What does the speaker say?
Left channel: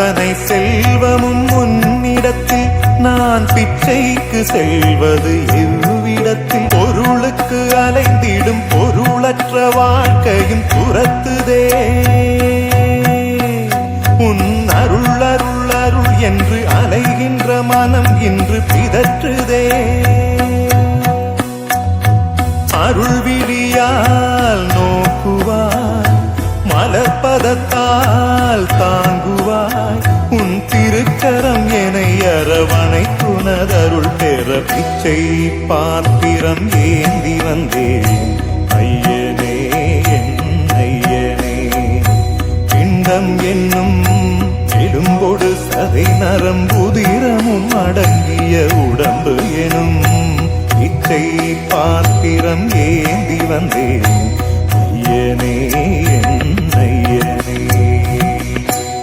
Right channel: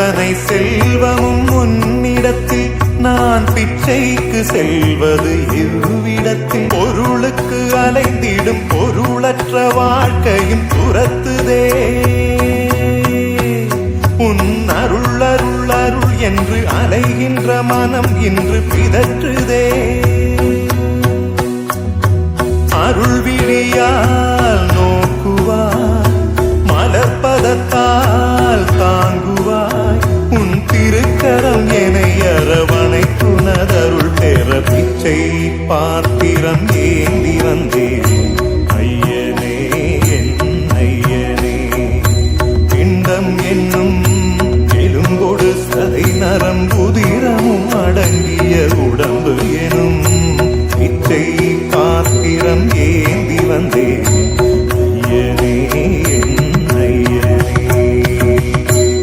இத்தனை செல்வமும் உன்னிடத்தில் நான் பிச்சைக்கு செல்வது எவ்விடத்தில்? பொருளுக்கு அலைந்திடும் பொருளற்ற வாழ்க்கையும் துரத்துதே. உன் அருள் அருள் அருள் என்று அலைகின்ற மனம் இன்று பிதற்றுதே. அருள் விழியால் நோக்குவாய், மலர்பதத்தால் தாங்குவாய். உன் திருக்கரம் என்னை அரவணைத்துனதருள் பெற பிச்சை பாத்திரம் ஏந்தி வந்தேன். ஐயனே என் ஐயனே, பிண்டம் என்னும் எலும்பொடு சதை நரம்புதிரமும் அடங்கிய உடம்பு எனும் பிச்சை பாத்திரம் ஏந்தி வந்தேன். ஐயனே என்